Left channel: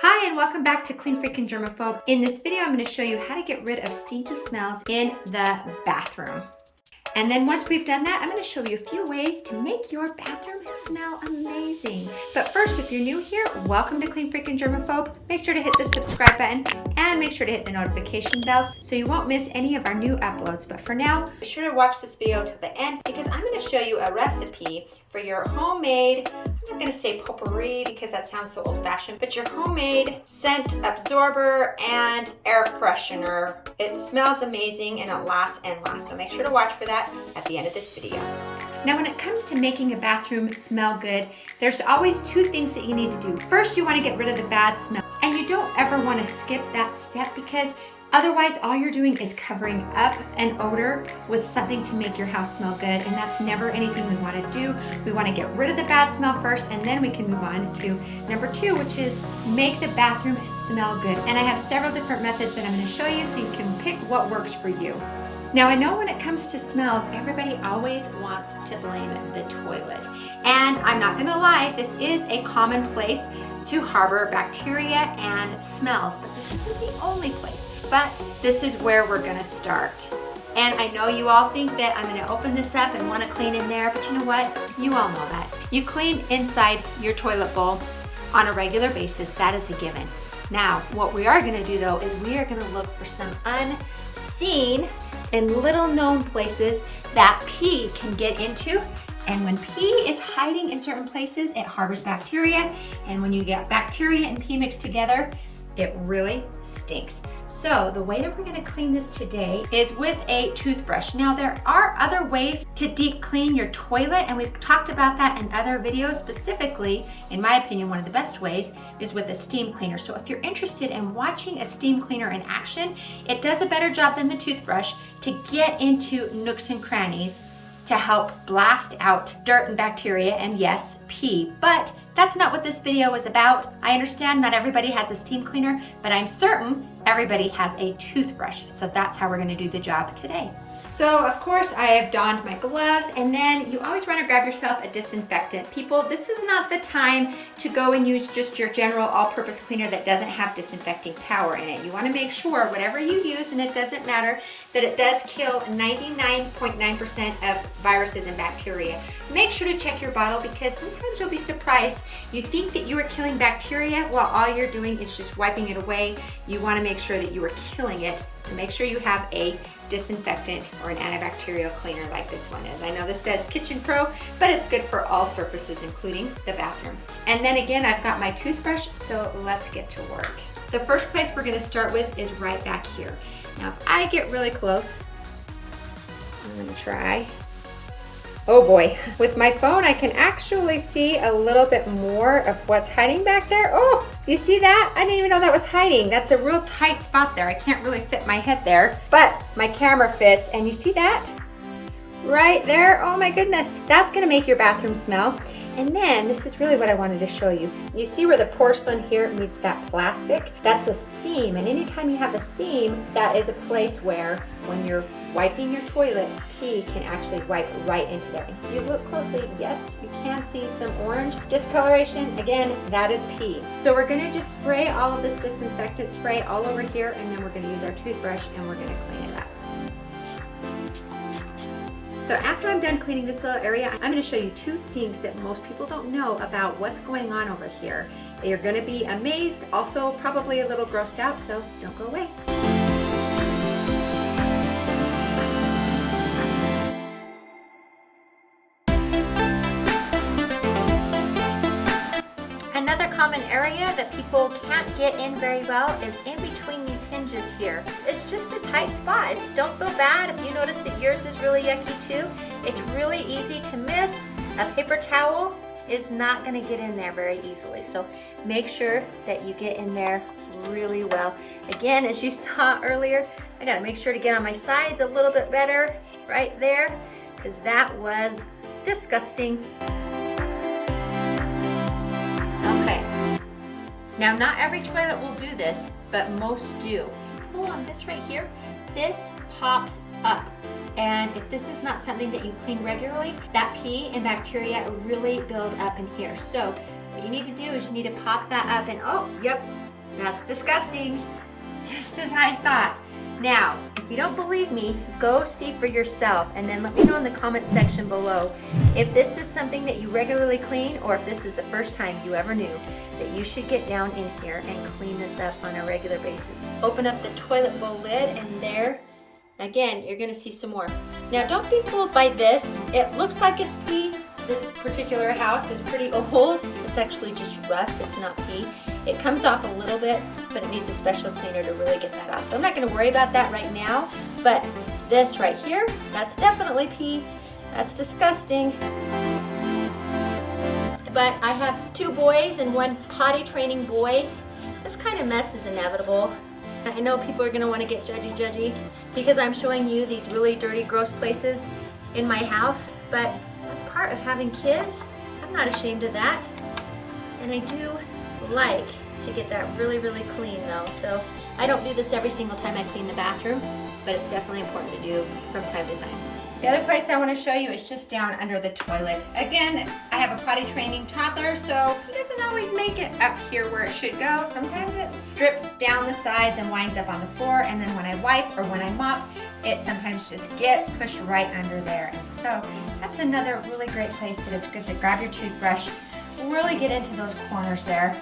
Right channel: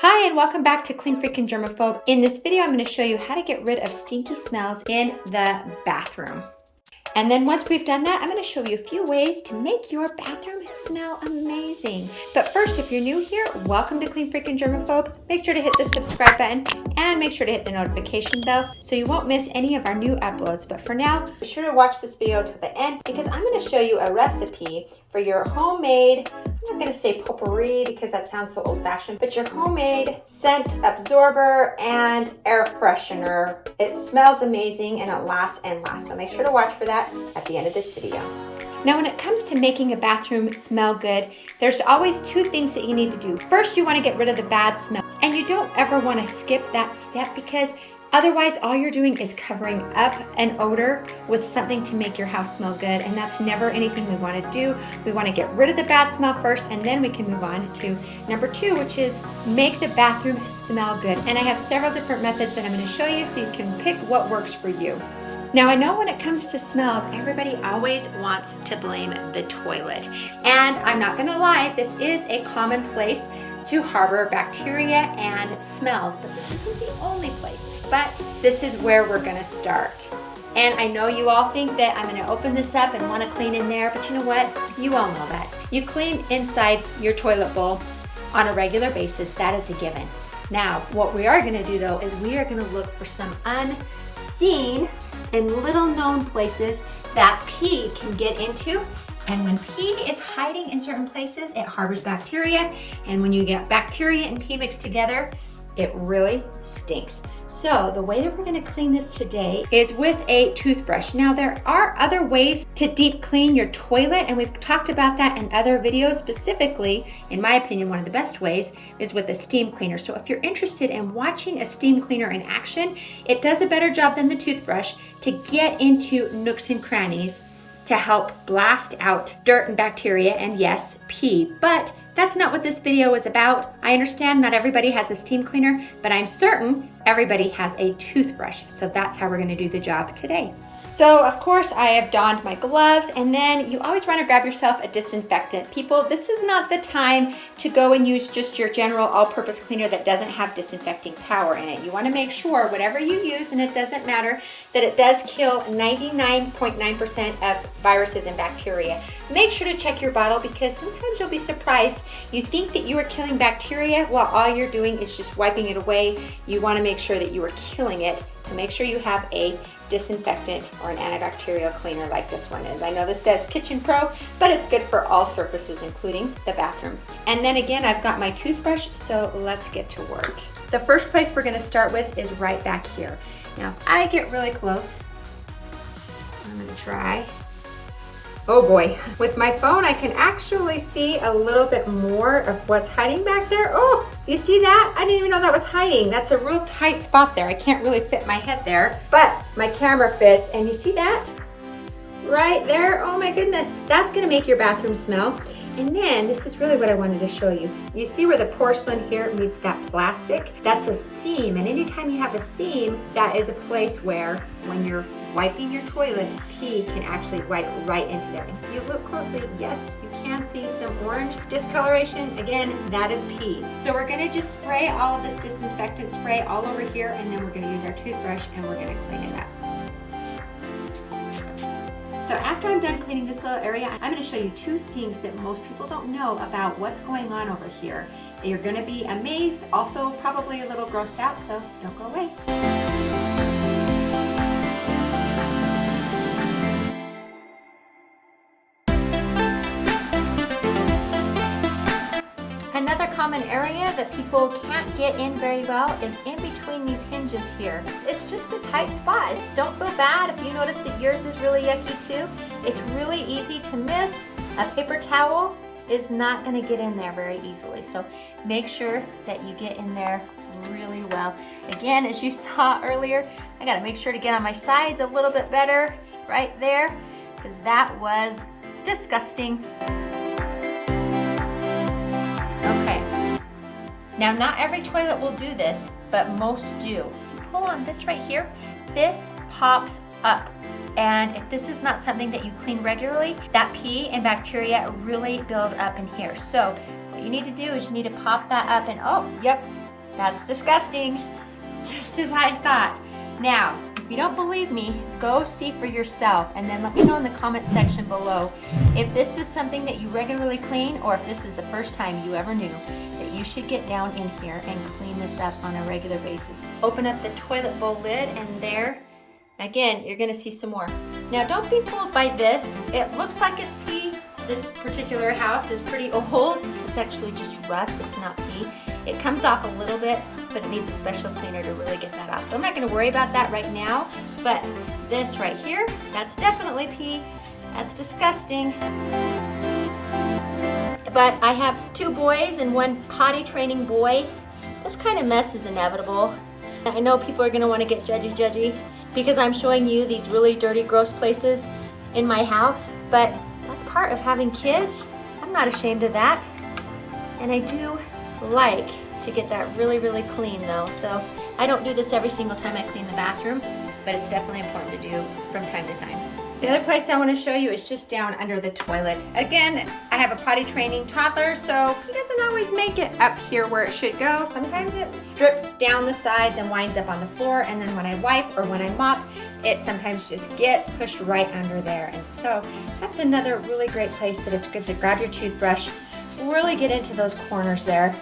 Hi and welcome back to Clean Freaking Germaphobe. In this video, I'm going to show you how to get rid of stinky smells in the bathroom. And then once we've done that, I'm going to show you a few ways to make your bathroom smell amazing. But first, if you're new here, welcome to Clean Freaking Germaphobe. Make sure to hit the subscribe button and make sure to hit the notification bell so you won't miss any of our new uploads. But for now, be sure to watch this video to the end because I'm going to show you a recipe for your homemade, I'm not going to say potpourri because that sounds so old-fashioned, but your homemade scent absorber and air freshener. It smells amazing and it lasts and lasts. So make sure to watch for that at the end of this video. Now, when it comes to making a bathroom smell good, there's always two things that you need to do. First, you want to get rid of the bad smell, and you don't ever want to skip that step because otherwise, all you're doing is covering up an odor with something to make your house smell good, and that's never anything we want to do. We want to get rid of the bad smell first, and then we can move on to number two, which is make the bathroom smell good. And I have several different methods that I'm going to show you so you can pick what works for you. Now, I know when it comes to smells, everybody always wants to blame the toilet. And I'm not gonna lie, this is a common place to harbor bacteria and smells, but this isn't the only place. But this is where we're gonna start. And I know you all think that I'm gonna open this up and wanna clean in there, but you know what? You all know that. You clean inside your toilet bowl on a regular basis, that is a given. Now, what we are gonna do though, is we are gonna look for some unseen and little known places that pee can get into. And when pee is hiding in certain places, it harbors bacteria. And when you get bacteria and pee mixed together, it really stinks. So the way that we're gonna clean this today is with a toothbrush. Now there are other ways to deep clean your toilet, and we've talked about that in other videos. Specifically, in my opinion, one of the best ways is with a steam cleaner. So if you're interested in watching a steam cleaner in action, it does a better job than the toothbrush to get into nooks and crannies to help blast out dirt and bacteria and yes, pee. But that's not what this video is about. I understand not everybody has a steam cleaner, but I'm certain everybody has a toothbrush. So that's how we're gonna do the job today. So of course I have donned my gloves, and then you always wanna grab yourself a disinfectant. People, this is not the time to go and use just your general all-purpose cleaner that doesn't have disinfecting power in it. You wanna make sure whatever you use, and it doesn't matter, that it does kill 99.9% of viruses and bacteria. Make sure to check your bottle because sometimes you'll be surprised. You think that you are killing bacteria while all you're doing is just wiping it away. You wanna make sure that you are killing it. So make sure you have a disinfectant or an antibacterial cleaner like this one is. I know this says Kitchen Pro, but it's good for all surfaces, including the bathroom. And then again, I've got my toothbrush, so let's get to work. The first place we're gonna start with is right back here. Now, if I get really close, I'm gonna try. Oh boy, with my phone, I can actually see a little bit more of what's hiding back there. Oh, you see that? I didn't even know that was hiding. That's a real tight spot there. I can't really fit my head there, but my camera fits, and you see that? Right there, oh my goodness. That's gonna make your bathroom smell. And then, this is really what I wanted to show you. You see where the porcelain here meets that plastic? That's a seam, and anytime you have a seam, that is a place where, when you're wiping your toilet, pee can actually wipe right into there. And if you look closely, yes, you can see some orange discoloration. Again, that is pee. So we're gonna just spray all of this disinfectant spray all over here, and then we're gonna use our toothbrush and we're gonna clean it up. So after I'm done cleaning this little area, I'm gonna show you two things that most people don't know about what's going on over here. You're gonna be amazed, also probably a little grossed out, so don't go away. Another common area that people can't get in very well is in between these hinges here. It's just a tight spot. Don't feel bad if you notice that yours is really yucky too. It's really easy to miss. A paper towel is not gonna get in there very easily. So make sure that you get in there really well. Again, as you saw earlier, I gotta make sure to get on my sides a little bit better right there because that was disgusting. Now, not every toilet will do this, but most do. Pull on this right here, this pops up. And if this is not something that you clean regularly, that pee and bacteria really build up in here. So What you need to do is you need to pop that up and, oh, yep, that's disgusting. Just as I thought. Now, if you don't believe me, go see for yourself and then let me know in the comment section below if this is something that you regularly clean or if this is the first time you ever knew that you should get down in here and clean this up on a regular basis. Open up the toilet bowl lid and there, again, you're gonna see some more. Now don't be fooled by this. It looks like it's pee. This particular house is pretty old. It's actually just rust, it's not pee. It comes off a little bit, but it needs a special cleaner to really get that out. So I'm not gonna worry about that right now, but this right here, that's definitely pee. That's disgusting. But I have 2 boys and 1 potty training boy. This kind of mess is inevitable. I know people are gonna wanna get judgy because I'm showing you these really dirty, gross places in my house, but that's part of having kids. I'm not ashamed of that. And I do like to get that really, really clean though. So I don't do this every single time I clean the bathroom, but it's definitely important to do from time to time. The other place I want to show you is just down under the toilet. Again, I have a potty training toddler, so he doesn't always make it up here where it should go. Sometimes it drips down the sides and winds up on the floor, and then when I wipe or when I mop, it sometimes just gets pushed right under there. And so that's another really great place that it's good to grab your toothbrush, really get into those corners there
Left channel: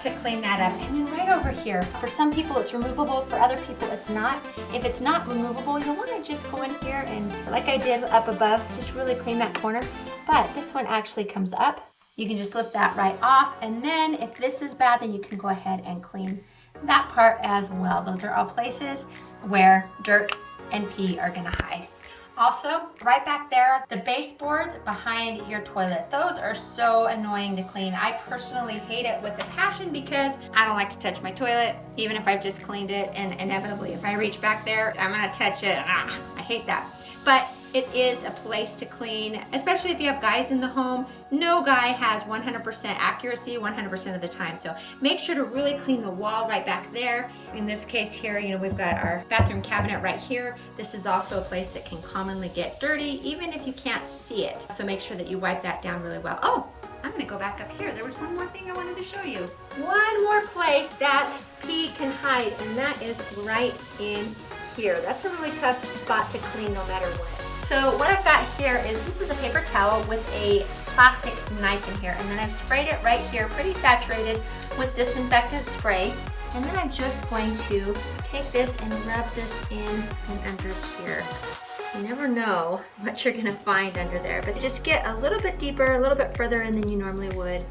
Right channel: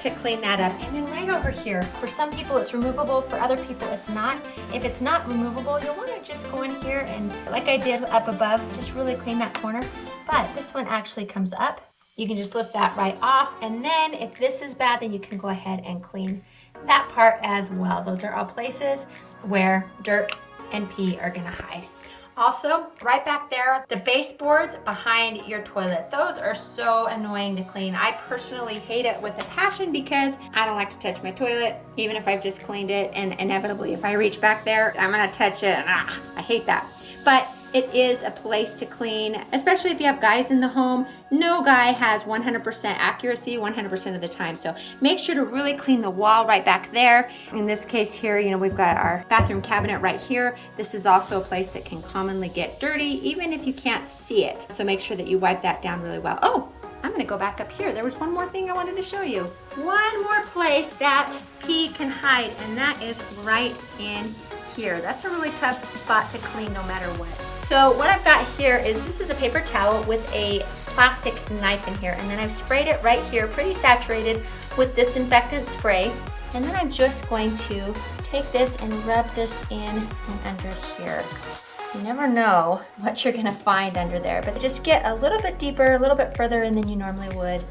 to clean that up. And then right over here, for some people it's removable, for other people it's not. If it's not removable, you'll want to just go in here and, like I did up above, just really clean that corner. But this one actually comes up. You can just lift that right off. And then if this is bad, then you can go ahead and clean that part as well. Those are all places where dirt and pee are gonna hide. Also, right back there, the baseboards behind your toilet. Those are so annoying to clean. I personally hate it with a passion because I don't like to touch my toilet, even if I've just cleaned it, and inevitably if I reach back there, I'm gonna touch it, and I hate that. But it is a place to clean, especially if you have guys in the home. No guy has 100% accuracy 100% of the time. So make sure to really clean the wall right back there. In this case here, you know, we've got our bathroom cabinet right here. This is also a place that can commonly get dirty, even if you can't see it. So make sure that you wipe that down really well. Oh, I'm gonna go back up here. There was one more thing I wanted to show you. One more place that pee can hide, and that is right in here. That's a really tough spot to clean no matter what. So what I've got here is, this is a paper towel with a plastic knife in here, and then I've sprayed it right here, pretty saturated with disinfectant spray. And then I'm just going to take this and rub this in and under here. You never know what you're gonna find under there, but just get a little bit deeper, a little bit further in than you normally would.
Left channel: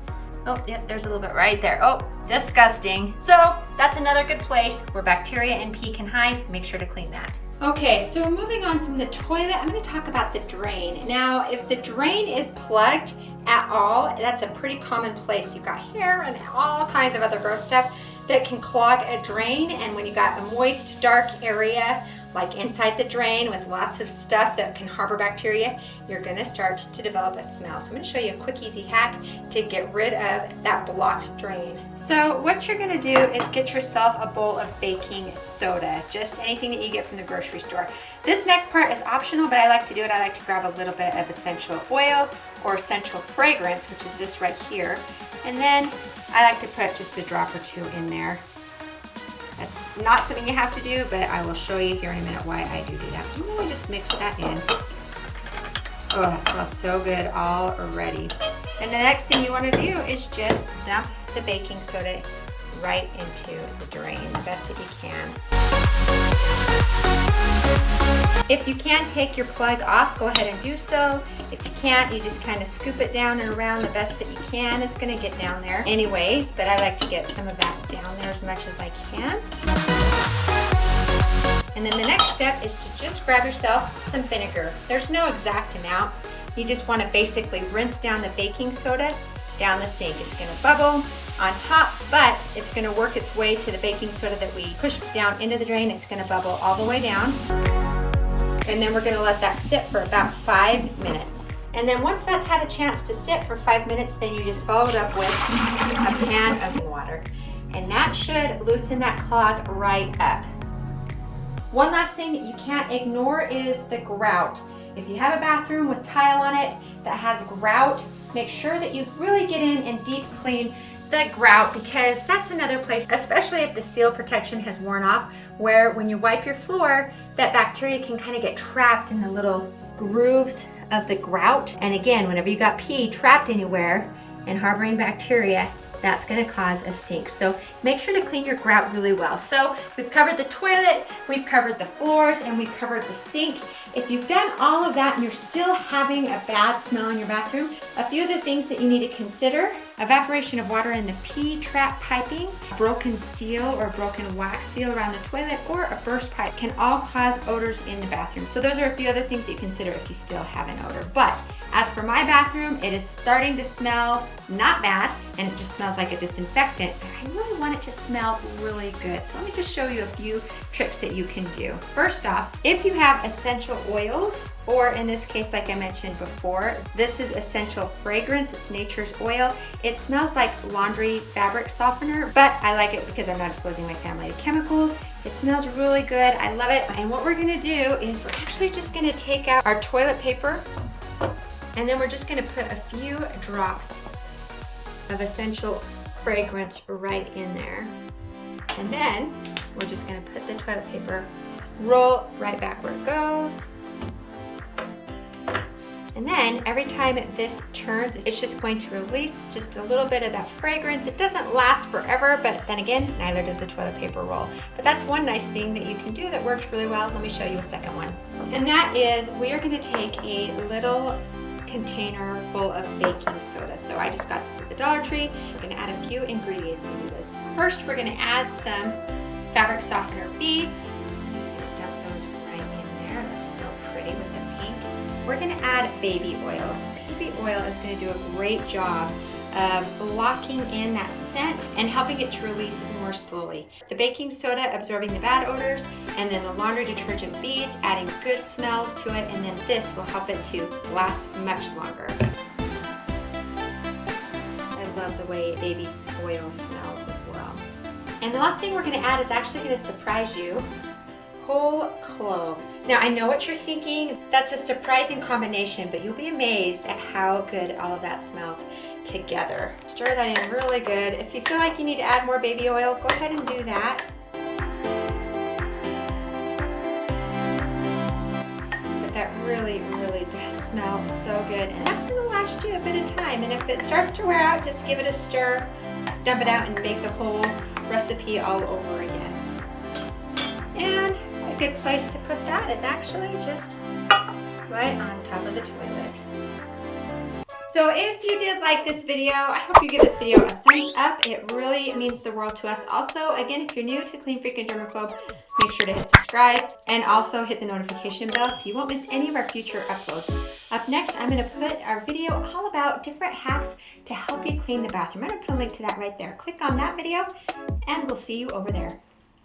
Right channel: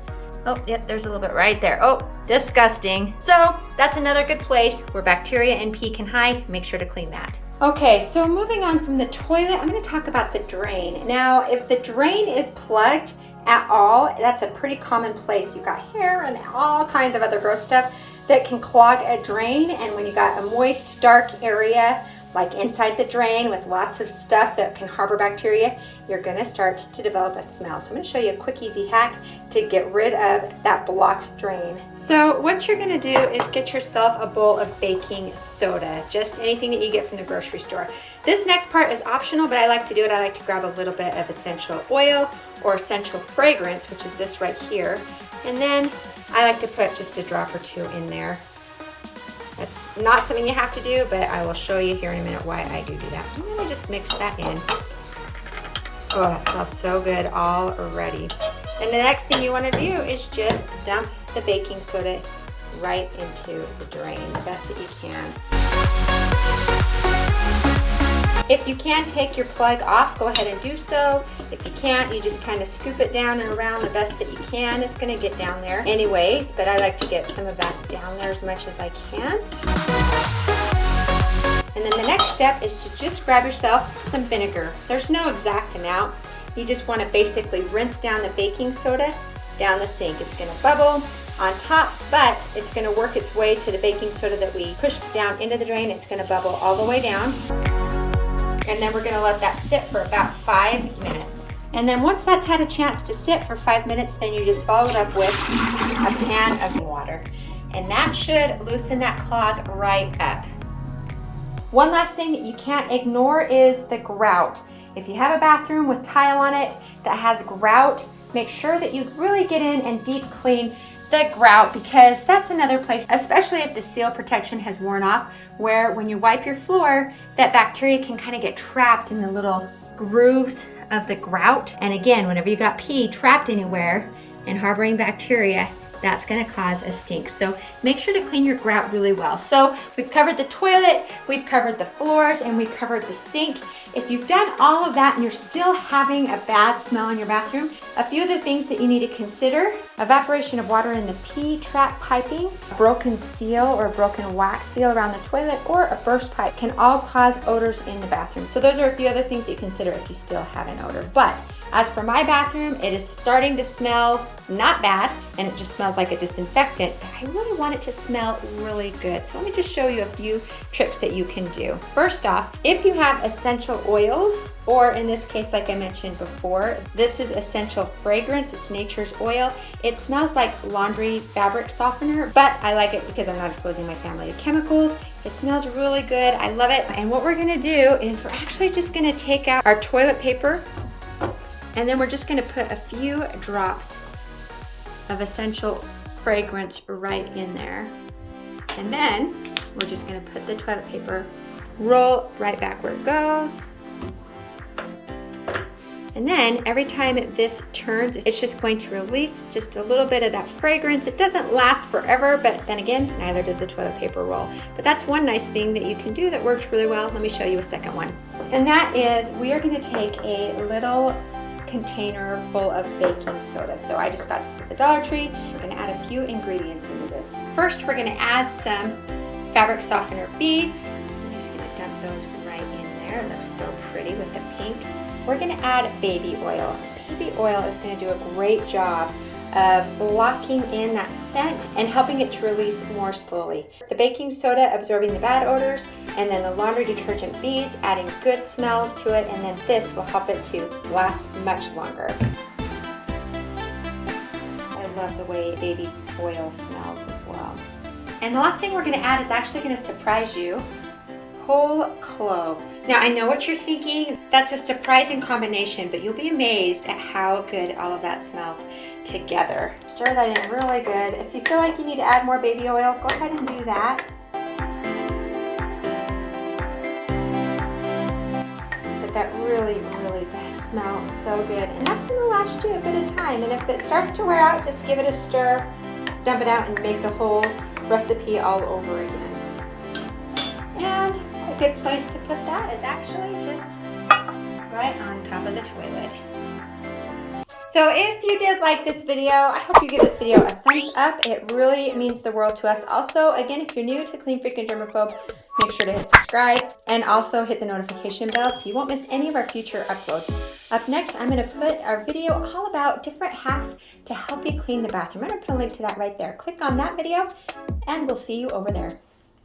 Oh, yep, there's a little bit right there. Oh, disgusting. So that's another good place where bacteria and pee can hide. Make sure to clean that. Okay, so moving on from the toilet, I'm gonna talk about the drain. Now, if the drain is plugged at all, that's a pretty common place. You've got hair and all kinds of other gross stuff that can clog a drain. And when you got a moist, dark area, like inside the drain with lots of stuff that can harbor bacteria, you're gonna start to develop a smell. So I'm gonna show you a quick, easy hack to get rid of that blocked drain. So what you're gonna do is get yourself a bowl of baking soda, just anything that you get from the grocery store. This next part is optional, but I like to do it. I like to grab a little bit of essential oil or essential fragrance, which is this right here. And then I like to put just a drop or 2 in there. That's not something you have to do, but I will show you here in a minute why I do that. And then I just mix that in. Oh, that smells so good already. And the next thing you want to do is just dump the baking soda right into the drain, the best that you can. If you can take your plug off, go ahead and do so. If you can't, you just kind of scoop it down and around the best that you can. It's going to get down there anyways, but I like to get some of that down there as much as I can. And then the next step is to just grab yourself some vinegar. There's no exact amount. You just want to basically rinse down the baking soda down the sink. It's going to bubble on top, but it's going to work its way to the baking soda that we pushed down into the drain. It's going to bubble all the way down. And then we're gonna let that sit for about 5 minutes. And then once that's had a chance to sit for 5 minutes, then you just follow it up with a pan of water. And that should loosen that clog right up. One last thing that you can't ignore is the grout. If you have a bathroom with tile on it that has grout, make sure that you really get in and deep clean the grout, because that's another place, especially if the seal protection has worn off, where when you wipe your floor, that bacteria can kind of get trapped in the little grooves of the grout. And again, whenever you got pee trapped anywhere and harboring bacteria, that's going to cause a stink. So make sure to clean your grout really well. So we've covered the toilet, we've covered the floors, and we've covered the sink. If you've done all of that and you're still having a bad smell in your bathroom, a few other things that you need to consider: evaporation of water in the P-trap piping, a broken seal or a broken wax seal around the toilet, or a burst pipe can all cause odors in the bathroom. So those are a few other things you consider if you still have an odor. But as for my bathroom, it is starting to smell not bad, and it just smells like a disinfectant, but I really want it to smell really good. So let me just show you a few tricks that you can do. First off, if you have essential oils, or in this case, like I mentioned before, this is essential fragrance, it's nature's oil. It smells like laundry fabric softener, but I like it because I'm not exposing my family to chemicals. It smells really good, I love it. And what we're gonna do is we're actually just gonna take out our toilet paper, and then we're just gonna put a few drops of essential fragrance right in there. And then we're just gonna put the toilet paper, roll right back where it goes. And then every time this turns, it's just going to release just a little bit of that fragrance. It doesn't last forever, but then again, neither does the toilet paper roll. But that's one nice thing that you can do that works really well. Let me show you a second one. And that is, we are gonna take a little container full of baking soda. So I just got this at the Dollar Tree. I'm gonna add a few ingredients into this. First, we're gonna add some fabric softener beads. I'm just gonna dump those right in there. They're so pretty with the pink. We're gonna add baby oil. Baby oil is gonna do a great job of locking in that scent and helping it to release more slowly. The baking soda absorbing the bad odors, and then the laundry detergent beads adding good smells to it, and then this will help it to last much longer. I love the way baby oil smells as well. And the last thing we're gonna add is actually gonna surprise you: whole cloves. Now I know what you're thinking, that's a surprising combination, but you'll be amazed at how good all of that smells together. Stir that in really good. If you feel like you need to add more baby oil, go ahead and do that. But that really does smell so good, and that's going to last you a bit of time. And if it starts to wear out, just give it a stir, dump it out, and make the whole recipe all over again. And a good place to put that is actually just right on top of the toilet. So if you did like this video, I hope you give this video a thumbs up. It really means the world to us. Also, again, if you're new to Clean Freak and Germaphobe, make sure to hit subscribe and also hit the notification bell so you won't miss any of our future uploads. Up next, I'm gonna put our video all about different hacks to help you clean the bathroom. I'm gonna put a link to that right there. Click on that video and we'll see you over there.